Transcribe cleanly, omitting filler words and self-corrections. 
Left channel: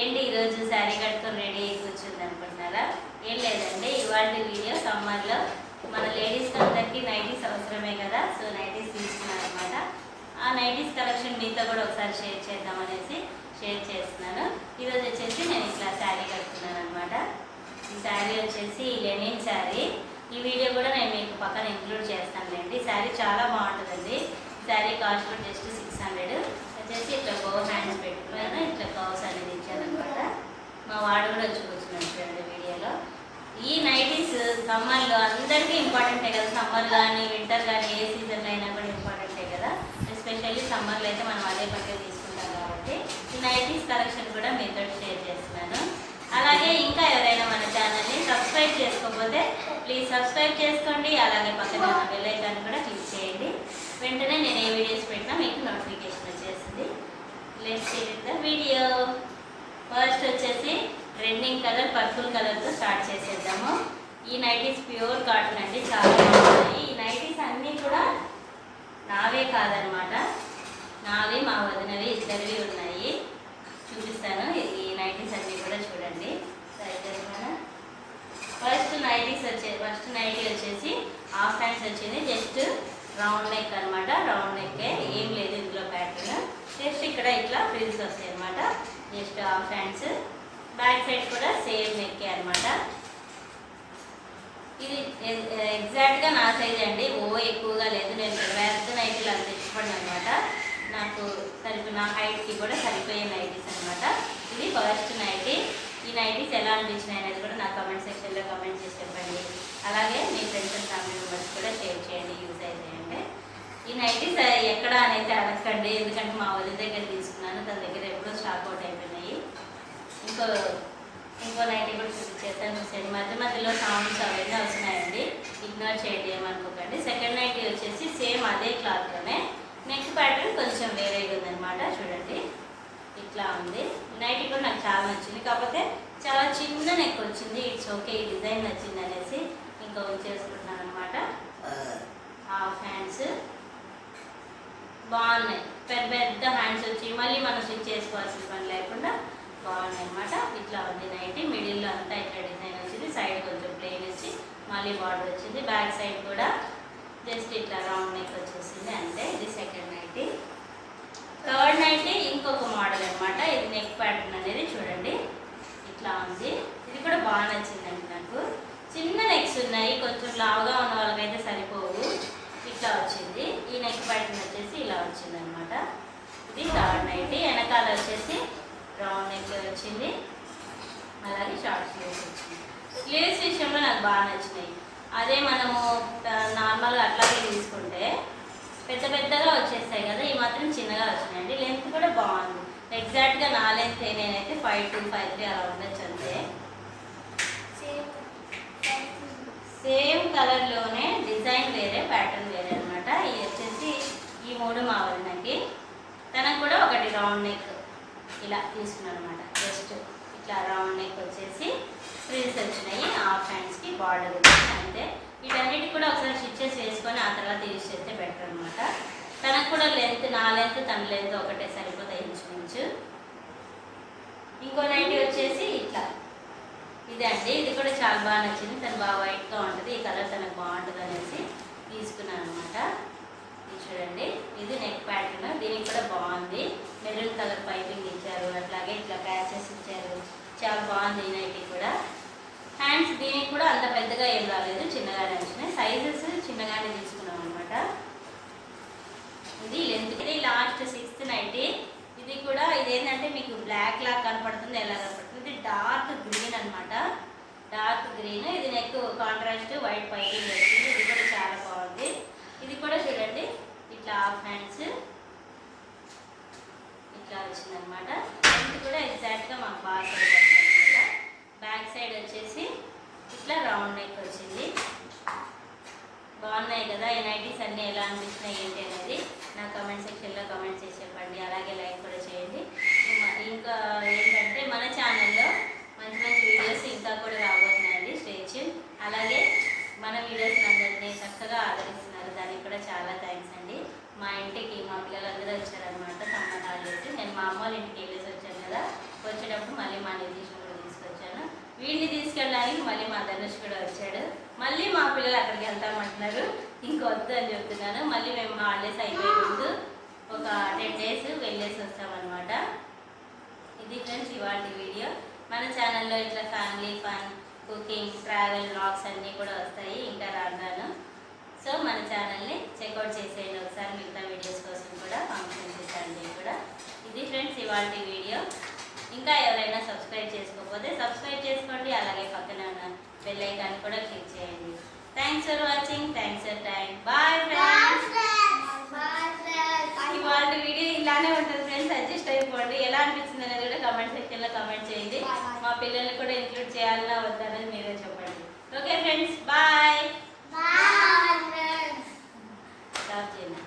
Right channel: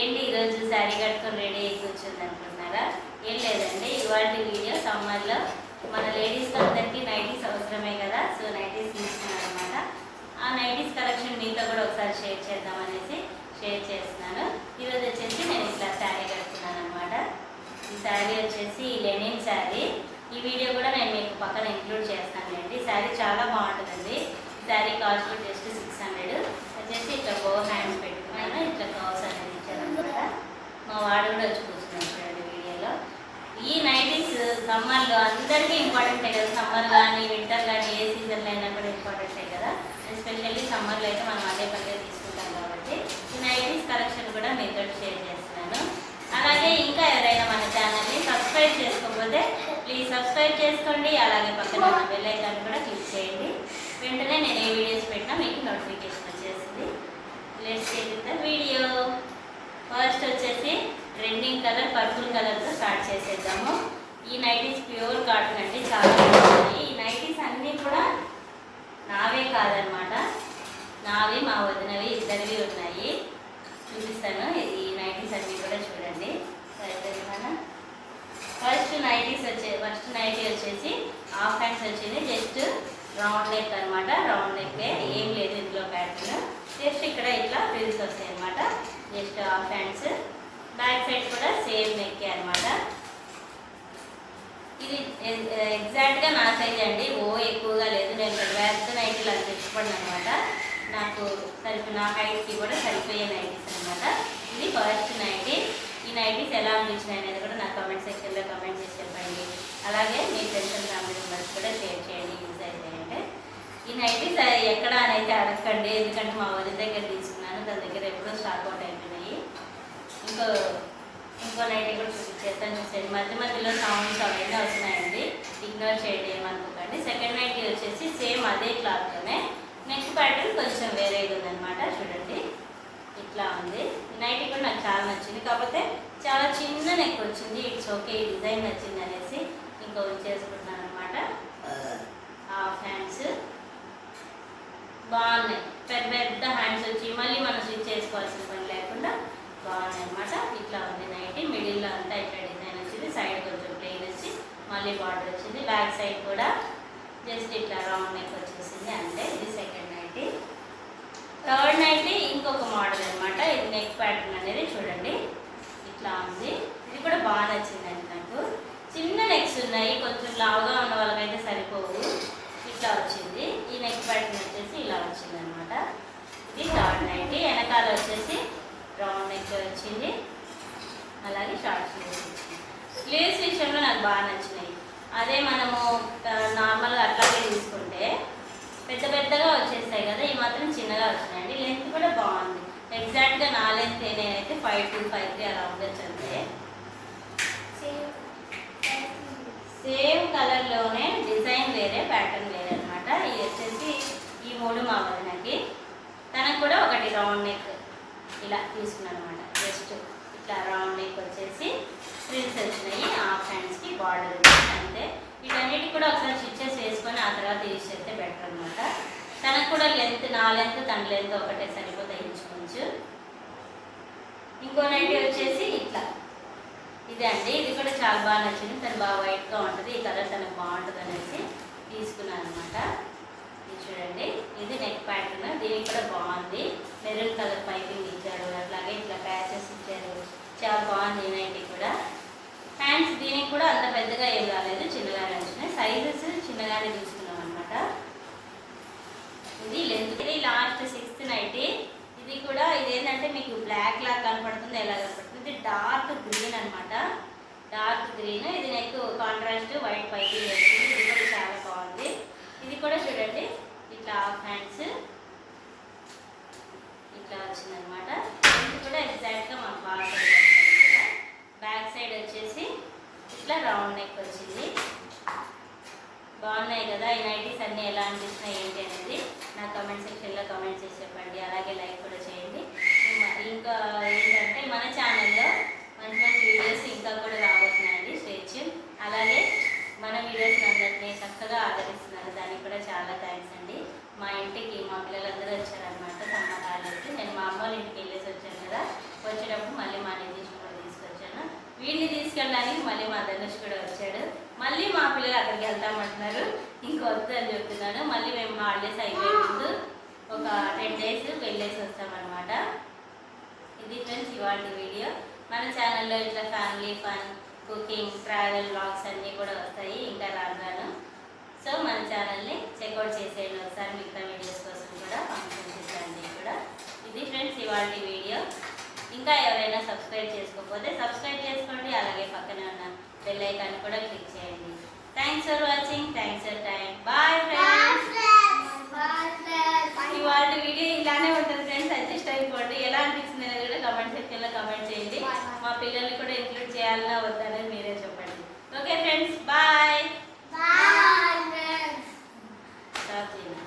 ఏంటి ఈరోజు శారీ కట్టుకొని రెడీ అయ్యి కూర్చుంది అనుకుంటున్నారా? ఏం లేదండి, ఇవాళ వీడియో సమ్మర్లో మన లేడీస్కి అందరికీ నైటీస్ అవసరమే కదా. సో నైటీస్ తీసుకున్నాను అనమాట. ఆ నైటీస్ కలెక్షన్ మీతో కూడా ఒకసారి షేర్ చేద్దామనేసి షేర్ చేస్తున్నాను. ఈరోజు వచ్చేసి నేను ఇట్లా శారీ కట్టుకున్నాను అనమాట. ఈ శారీ వచ్చేసి లెనిన్ శారీ. ఈ వీడియో కూడా నేను మీకు పక్కన ఇంక్లూడ్ చేస్తానులేండి. శారీ చాలా బాగుంటుందండి. శారీ కాస్ట్ కూడా జస్ట్ 600 వచ్చేసి ఇట్లా బో హ్యాండ్స్ పెట్టుకున్నాను. ఇట్లా కవర్స్ అనేది ఇచ్చారనమాట. మా వాడు కూడా వచ్చి కూర్చున్నాను చూడండి వీడియోలో. ఈ నైటీస్ సమ్మర్లో అందరికీ ఇంపార్టెంటే కదా. సమ్మర్ కానీ వింటర్ కానీ ఏ సీజన్లో అయినా కూడా ఇంపార్టెంటే కదా. ఎస్పెషల్లీ సమ్మర్లో అయితే మనం అదే పనిగా తీసుకుంటాం కాబట్టి ఈ నైటీస్ కలెక్షన్ కూడా మీతో షేర్ చేస్తున్నాను. అలాగే ఇంకా ఎవరైనా మన ఛానల్ని సబ్స్క్రైబ్ చేసుకోకపోతే ప్లీజ్ సబ్స్క్రైబ్ చేసుకోండి. అలాగే పక్కన ఉన్న బెల్ ఐకాన్ కూడా క్లిక్ చేయండి. వెంటనే నేను ఏ వీడియోస్ పెట్టినా మీకు నోటిఫికేషన్ వచ్చేస్తుంది. Let's see with the video. First వచ్చేసి ట్రెండింగ్ కలర్ పర్పుల్ కలర్తో స్టార్ట్ చేసేద్దాము. ఈ నైటీస్ ప్యూర్ కాటన్ అండి, చాలా బాగుంటుంది. ఈ నైటీస్ అన్నీ కూడా నావే కాదనమాట, నావి మా వదినవి ఇద్దరివి ఉన్నాయి. చూపిస్తాను. ఈ నైటీస్ అన్నీ కూడా చూడండి. ఫస్ట్ నైటీ వచ్చేసి హాఫ్ హ్యాండ్స్ వచ్చింది. జస్ట్ రౌండ్ నెక్ అనమాట. రౌండ్ నెక్కే, ఏం లేదు ఇందులో ప్యాటర్న్. జస్ట్ ఇక్కడ ఇట్లా ఫ్రిల్స్ వస్తాయి అనమాట. Just half hands. Back side కూడా సేమ్ నెక్కే అనమాట. ఇది ఎగ్జాక్ట్గా నా సైజ్ అండి, ఓ ఎక్కువగా లేదు. నేను పెద్ద నైటీలు అంత ఇష్టపడిన అనమాట. నాకు నా హైట్కి కూడా సరిపోయే నైటీస్ అనమాట. ఇది ఫస్ట్ నైటీ. ఈ నైటీస్ ఎలా అనిపించినాయి అనేది కూడా నాకు కమెంట్ సెక్షన్లో కమెంట్ చేసి చెప్పండి. అలాగే మీ ఫ్రెండ్స్ అండ్ ఫ్యామిలీ మెంబర్స్ కూడా షేర్ చేయండి యూజ్ అయితే. అంటే ఈ నైటీస్ ఎక్కడ అని అయితే అడగండి, ఎందుకంటే మా వదిన దగ్గర తీసుకున్నాను. తన దగ్గర ఎప్పుడో స్టాక్ అవుట్ అయిపోయినాయి. ఇంకో నైటీ కూడా చూపించేస్తాను, చూసేయండి. మధ్య మధ్యలో సౌండ్స్ అవన్నీ వస్తున్నాయండి, ఇగ్నోర్ చేయండి, ఏమనుకోకండి. సెకండ్ నైటీ వచ్చేసి సేమ్ అదే క్లాత్లోనే, నెక్ ప్యాటర్న్ కొంచెం వేరేగా ఉందన్నమాట. చూడండి ఇట్లా ఉంది. ఈ నైటీ కూడా నాకు చాలా నచ్చింది, కాకపోతే చాలా చిన్న నెక్ వచ్చింది. ఇట్స్ ఓకే, ఈ డిజైన్ నచ్చింది అనేసి ఇంకా ఉంచేసుకుంటున్నాను అనమాట. హాఫ్ హ్యాండ్స్ బాగున్నాయి, పెద్ద హ్యాండ్స్ వచ్చి మళ్ళీ మనం స్టిచ్ చేసుకోవాల్సిన పని లేకుండా బాగున్నాయి అనమాట. ఇట్లా ఉంది నైటీ. మిడిల్లో అంతా ఇట్లా డిజైన్ వచ్చింది, సైడ్ కొంచెం ప్లెయిన్ వచ్చి మళ్ళీ బార్డర్ వచ్చింది. బ్యాక్ సైడ్ కూడా జస్ట్ ఇట్లా రౌండ్ నెక్ వచ్చేసింది అంతే. ఇది సెకండ్ నైటీ. థర్డ్ నైటీ ఇంకొక మోడల్ అనమాట. ఇది నెక్ ప్యాటర్న్ అనేది చూడండి ఇట్లా ఉంది. ఇది కూడా బాగా నచ్చిందండి నాకు. చిన్న నెక్స్ ఉన్నాయి, కొంచెం లావుగా ఉన్న వాళ్ళకైతే సరిపోవు. ఇట్లా వచ్చింది. ఈ నెక్ ప్యాటర్న్ వచ్చేసి ఇలా వచ్చింది అనమాట. ఇది థర్డ్ నైటీ. వెనకాల వచ్చేసి రౌండ్ నెక్ వచ్చింది, అలాగే షార్ట్ స్లీవ్స్ వచ్చింది. స్లీవ్స్ విషయంలో నాకు బాగా నచ్చినాయి. అదే మనము నార్మల్గా అట్లాగే తీసుకుంటే పెద్దగా వచ్చేస్తాయి కదా, ఈ మాత్రం చిన్నగా వచ్చినాయండి. లెంత్ కూడా బాగుంది. ఎగ్జాక్ట్గా నా లెంత్ నేనైతే 5'2", 5'3" అలా ఉండొచ్చు అంతే. సేమ్ కలర్లోనే డిజైన్ వేరే, ప్యాటర్న్ వేరే అనమాట. ఇది వచ్చేసి ఈ 3 మా వదినకి. తనకు కూడా ఒకటి రౌండ్ నెక్ ఇలా తీసుకున్నాను అనమాట. జస్ట్ ఇట్లా రౌండ్ నెక్ వచ్చేసి ఫ్రిల్స్ వచ్చినాయి. హాఫ్ హ్యాండ్స్కి బార్డర్ వచ్చింది అంతే. వీటన్నిటికి కూడా ఒకసారి స్టిచెస్ వేసుకొని ఆ తర్వాత యూజ్ చేస్తే బెటర్ అనమాట. తనకు కూడా లెంత్, నా లెంత్ తన లెంత్ ఒకటే సరిపోతాయి ఇంచుమించు. ఇంకో నైటీ వచ్చేసి ఇట్లా ఇదే అండి. ఇది కూడా చాలా బాగా నచ్చింది. తను బాగా వైట్గా ఉంటుంది, ఈ కలర్ తనకు బాగుంటుంది అనేసి తీసుకున్నాను అనమాట. ఇది చూడండి, ఇది నెక్ ప్యాటర్న్. దీనికి కూడా బాగుంది. మెరూన్ కలర్ పైపింగ్ ఇచ్చారు, అట్లాగే ఇట్లా ప్యాచెస్ ఇచ్చారు. చాలా బాగుంది ఈ నైటీ కూడా. హ్యాండ్స్ దీనికి కూడా అంత పెద్దగా ఏం రాలేదు, చిన్నగానే వచ్చినాయి. సైజెస్ చిన్నగానే తీసుకున్నాం అనమాట. ఇది లెంత్. ఇది లాస్ట్ 6th నైటీ. ఇది కూడా ఇదేంటంటే మీకు బ్లాక్ లాగా కనపడుతుంది, ఎలా కనపడుతుంది. ఇది డార్క్ గ్రీన్ అనమాట, డార్క్ గ్రీన్. ఇది నెక్ కాంట్రాస్ట్ వైట్ పైపింగ్ వచ్చింది. ఇది కూడా చాలా బాగుంది. ఇది కూడా చూడండి ఇట్లా హాఫ్ హ్యాండ్స్ ఇట్లా వచ్చిందనమాట. ఇది కూడా ఎగ్జాక్ట్గా మాకు బాగా సరిపోతుంది అనమాట. బ్యాక్ సైడ్ వచ్చేసి ఇట్లా రౌండ్ నెక్ వచ్చింది. బాగున్నాయి కదా. ఈ నైటీస్ అన్నీ ఎలా అనిపిస్తున్నాయి ఏంటి అనేది నా కమెంట్ సెక్షన్లో కమెంట్ చేసి చెప్పండి. అలాగే లైక్ కూడా చేయండి. ఇంకా ఏంటంటే మన ఛానల్లో మంచి వీడియోస్ ఇంకా కూడా రాబోతున్నాయండి. Stay tune. అలాగే మన వీడియోస్ని అందరినీ చక్కగా ఆదరిస్తున్నారు, దానికి కూడా చాలా థ్యాంక్స్ అండి. మా ఇంటికి మా పిల్లలందరూ వచ్చారనమాట సమ్మర్ హాలిడేస్. నేను మా అమ్మ వాళ్ళ ఇంటికి వెళ్ళేసి వచ్చాను కదా, వచ్చే వెళ్ళేటప్పుడు మళ్ళీ మా నితీష్ని కూడా తీసుకొచ్చాను. వీడిని తీసుకెళ్ళడానికి మళ్ళీ మా ధనుష్ కూడా వచ్చాడు. మళ్ళీ మా పిల్లలు అక్కడికి వెళ్తామంటున్నారు, ఇంకొద్దు అని చెప్తున్నాను. మళ్ళీ మేము హాలిడేస్ అయిపోయే ముందు ఒక 10 days వెళ్ళేసి వస్తామన్నమాట. ఇది ఫ్రెండ్స్ ఇవాళ వీడియో. మన ఛానల్లో ఇట్లా family fun, cooking, travel vlogs అన్నీ కూడా వస్తాయి ఇంకా రాను. సో మన ఛానల్ని చెక్అవుట్ చేసేయండి ఒకసారి, మిగతా వీడియోస్ కోసం కూడా, ఫంక్షన్స్ అన్నీ కూడా. ఇది ఫ్రెండ్స్ ఇవాళ వీడియో. ఇంకా ఎవరైనా సబ్స్క్రైబ్ చేసుకోకపోతే సబ్స్క్రైబ్ చేసుకోండి, అలాగే పక్కన ఉన్న బెల్ ఐకాన్ కూడా క్లిక్ చేయండి. Thanks for watching, thanks for time. Bye friends. ఇవాళ వీడియో ఇలానే ఉంటుంది ఫ్రెండ్స్, అడ్జస్ట్ అయిపోండి. ఎలా అనిపించింది అనేది కూడా కమెంట్ సెక్షన్లో కమెంట్ చేయండి. మా పిల్లల్ని కూడా ఇంక్లూడ్ చేయాలన్నా వద్దనేది మీరే చెప్పండి. Okay friends, bye.